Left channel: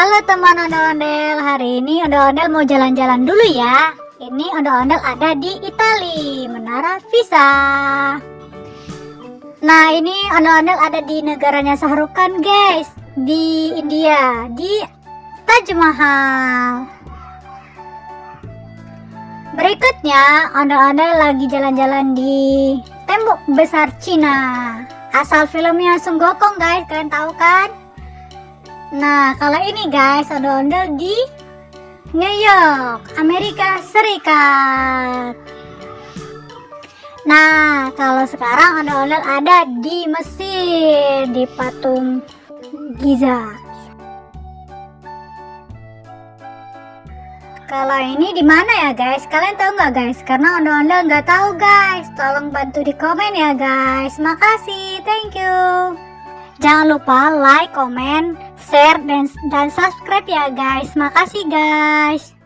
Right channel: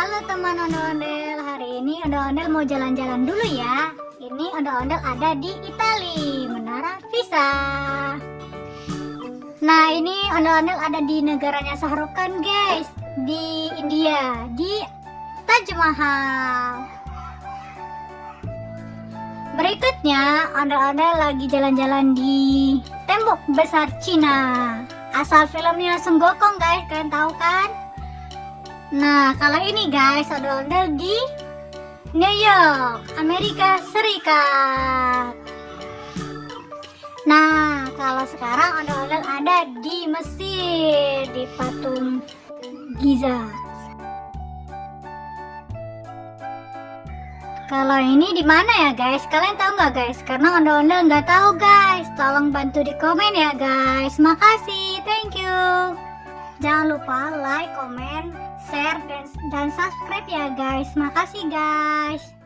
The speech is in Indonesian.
Halo teman ondel-ondel, hari ini ondel-ondel mau jalan-jalan dulu ya. Ini ondel-ondel ada di Itali, Menara Pisa. Nah ini ondel-ondel ada di negaranya Shahrukh Khan guys, di India, di Taj Mahal. Berikutnya ondel-ondel lagi jalan-jalan di Tembok Besar Cina. Asal filmnya Sung Gokong guys, kalian tahu kan? Nah, kalau ini guys, ondel-ondel di New York, Amerika Serikat. Nah, kalau sekarang ondel-ondel ada di Mesir, di patung Giza. Kalau ini di mana ya guys? Kalian tahu nggak guys? Karena ondel-ondel nggak tahu guys. Tolong bantu di komen ya guys. Makasih, thank you. Jangan lupa like, comment, share, dan subscribe ya guys. Makasih guys.